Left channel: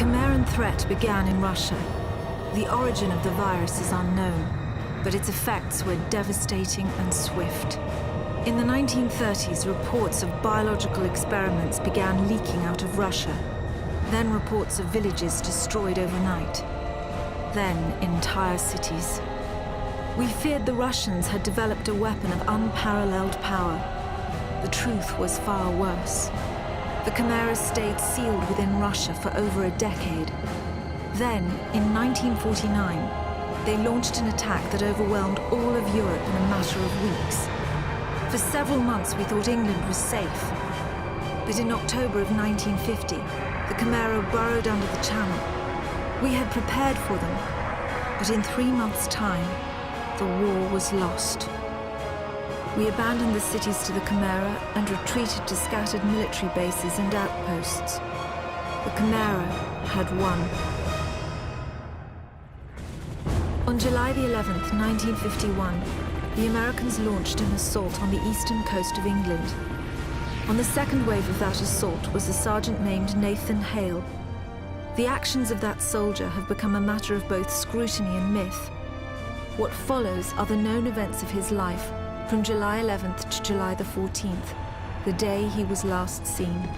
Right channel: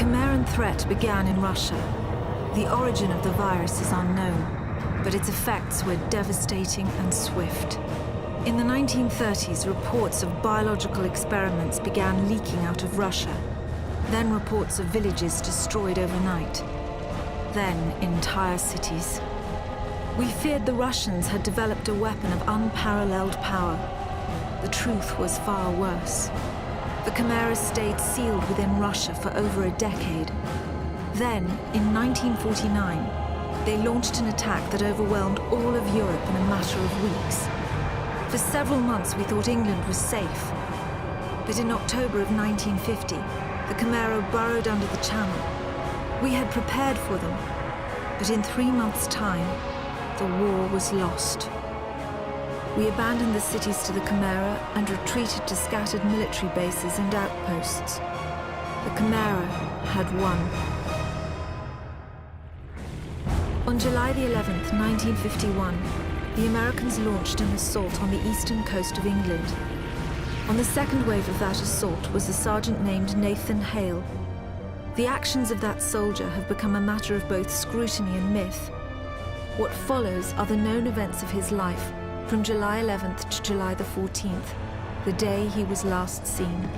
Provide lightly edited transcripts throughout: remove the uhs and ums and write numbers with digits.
Cimmerian threat began in Russia. The origin of the virus is unknown, but its effects were devastating and swift. In the 1930s, reports of biological experiments began leaking out of Russia. Then reports of villages destroyed overnight. Then entire cities. We feared the Russians had developed a weapon of unparalleled power. The truth was far worse. The chimeras stayed sealed within Russia for over a decade. Then, in 1949, they launched an attack that overwhelmed all of Europe in a matter of weeks. For several months we thought England was safe. But in October of 1950, the Chimera burrowed under the Channel. We had prepared for them, but in 3 months' time, the war was lost. We abandoned the cities to the Chimera and retreated to scattered military bases and outposts. The Chimera had won. On July the 11th, 1951, the Americans launched an assault on the eastern coast of England. On the second wave of that assault was a sergeant named Nathan Hale. The actions of that soldier have become a matter of both scrutiny and myth. What follows are the known events of his life from July 11th to July the 14th, the day he was last seen.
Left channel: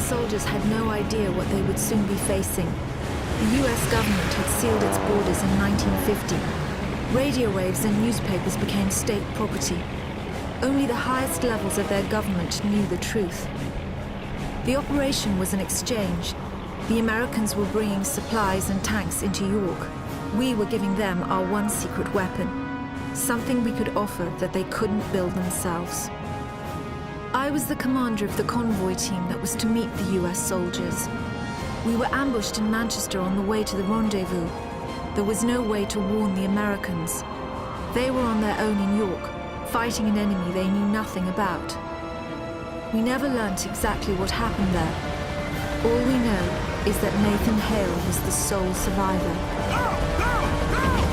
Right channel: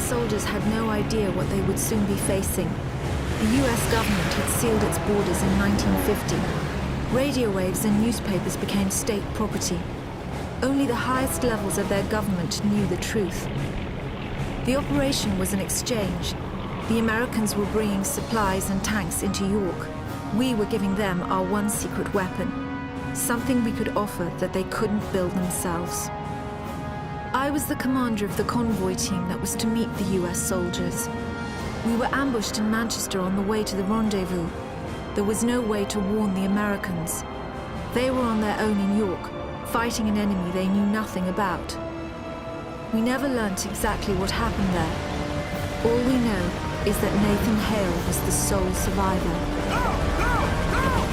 Soldiers had no idea what they would soon be facing. The US government had sealed its borders in 1950. Radio waves and newspapers became state property. Only the highest levels of their government knew the truth. The operation was an exchange. The Americans were bringing supplies and tanks into York. We were giving them our one secret weapon, something we could offer that they couldn't build themselves. I was the commander of the convoy team that was to meet the US soldiers. We were ambushed in Manchester on the way to the rendezvous. There was no way to warn the Americans. They were on their own in York, fighting an enemy they knew nothing about. We never learnt exactly what happened there. All we know is that Nathan Hale was the sole survivor. No! No! No!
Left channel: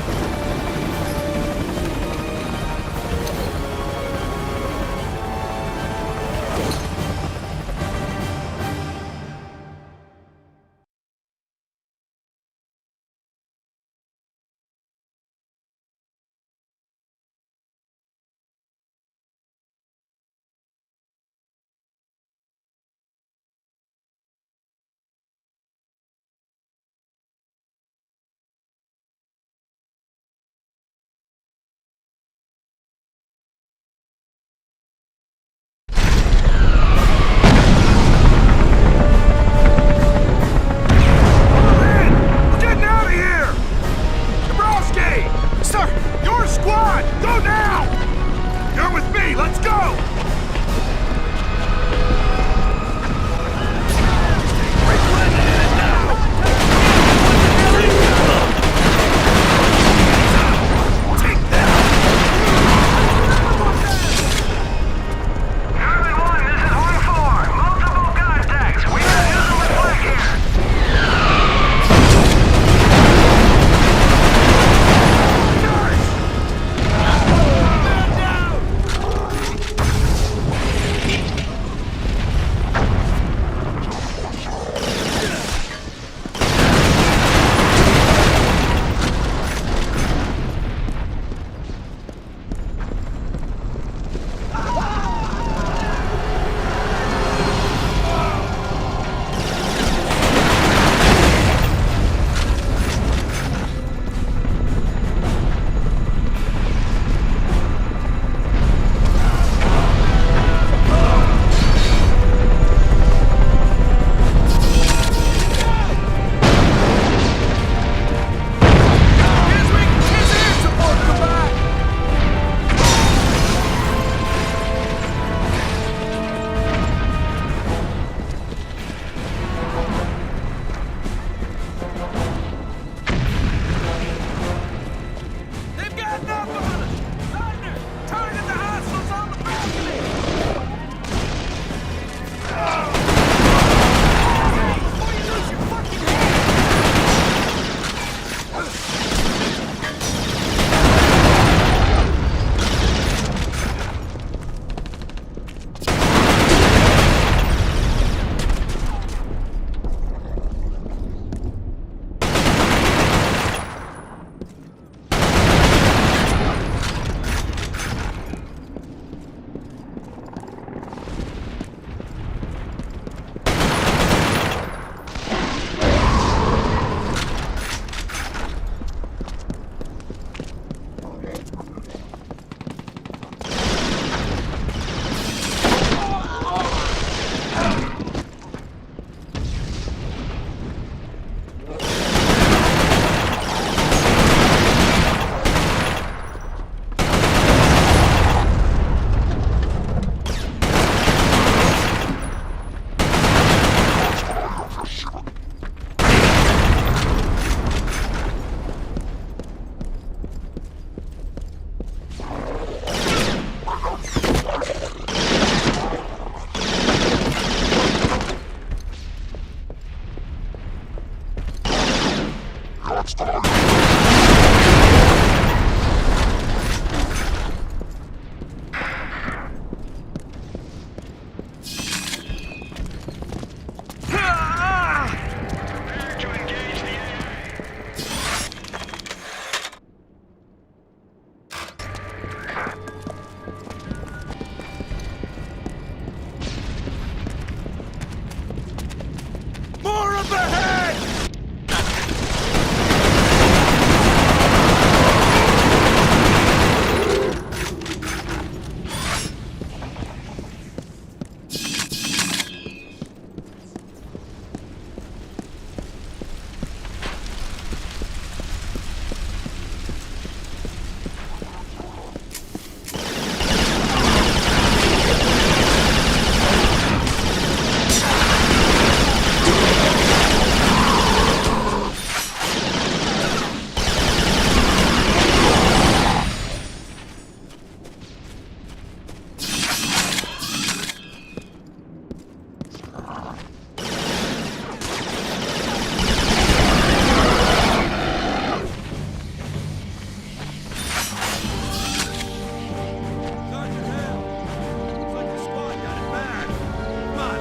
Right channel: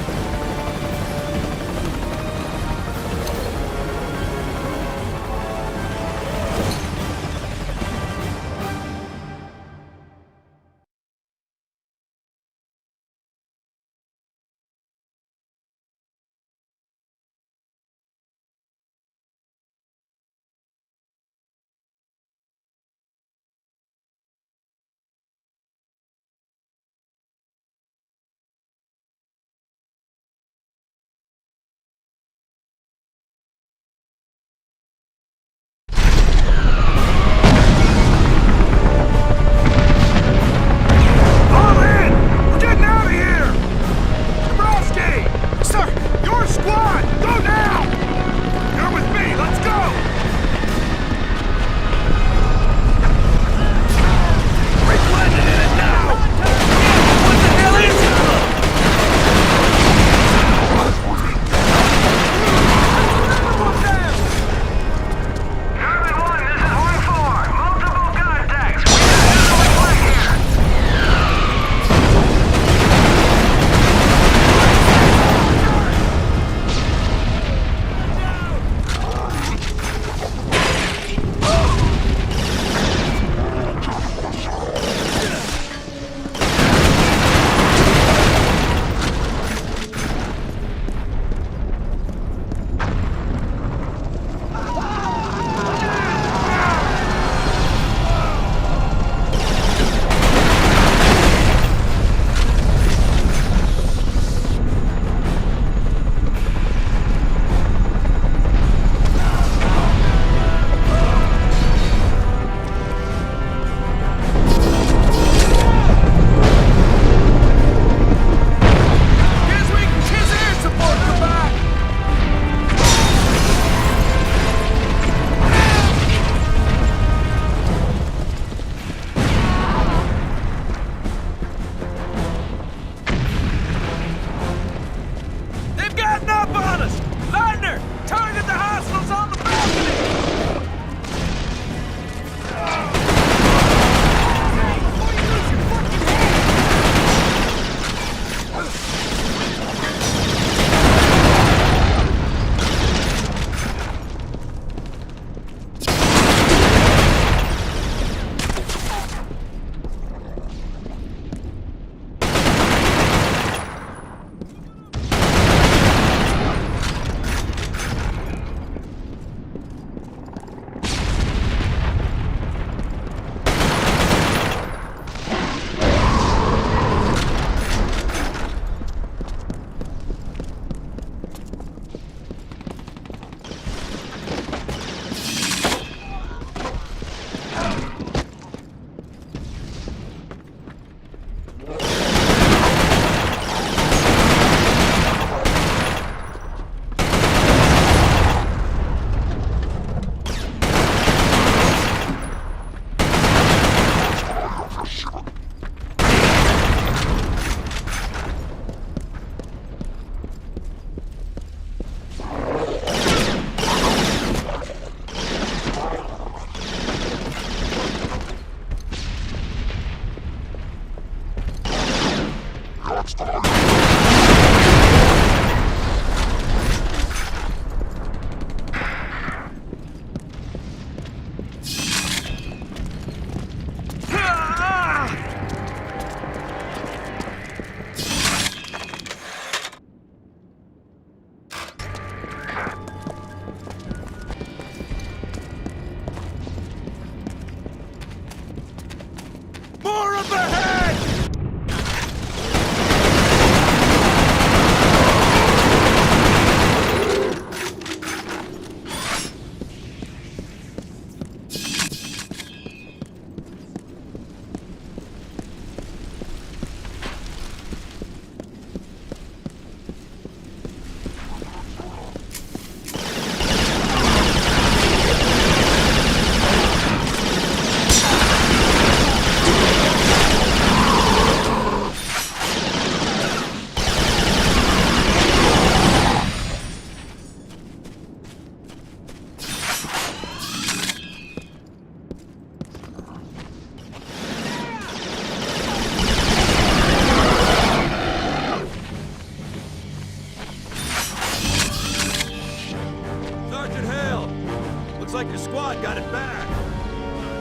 squad got it bad. Come on.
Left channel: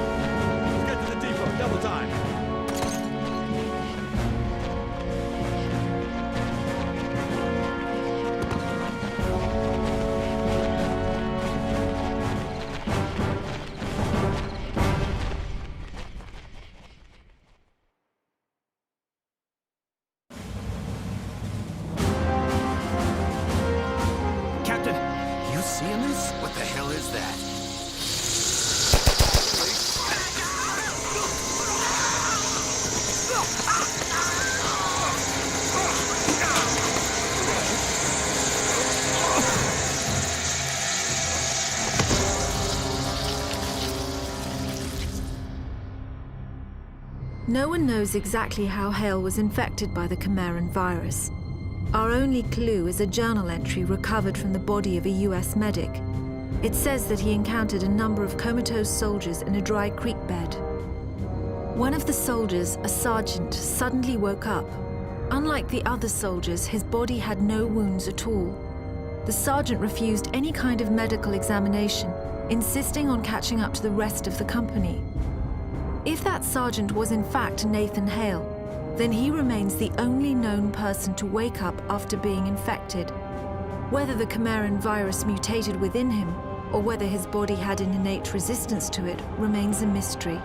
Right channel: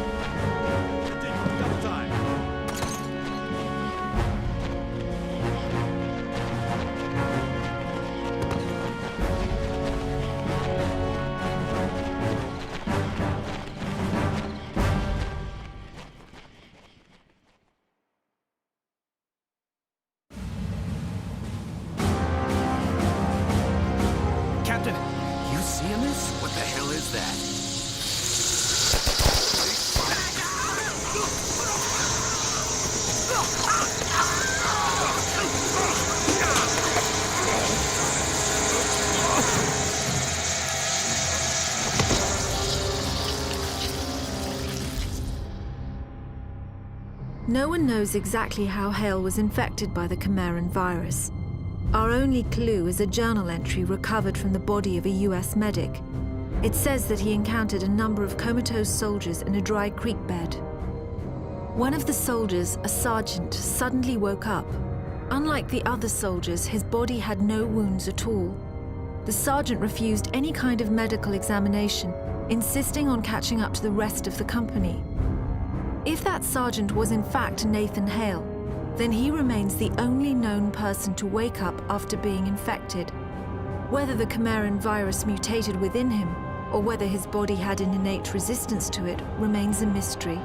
Let's get to the depot. Double time. Captain, you seeing this? What the hell is that? No one knows exactly how Hale was infected by the Quimerian virus. Our only clue is a journal entry recovered from the body of a US medic. It says that he encountered a number of comatose soldiers in a dry creek bed. One of the soldiers, a sergeant, suddenly woke up. Unlike the other soldiers, his body had no wounds at all. The sergeant refused any kind of medical examination, insisting on catching up to the rest of the company. If that sergeant was in fact Nathan Hale, then he remains the only known person to wake up after being infected. Whether the Quimerian virus mutated within him, or whether his body had an innate resistance to it, remains a mystery.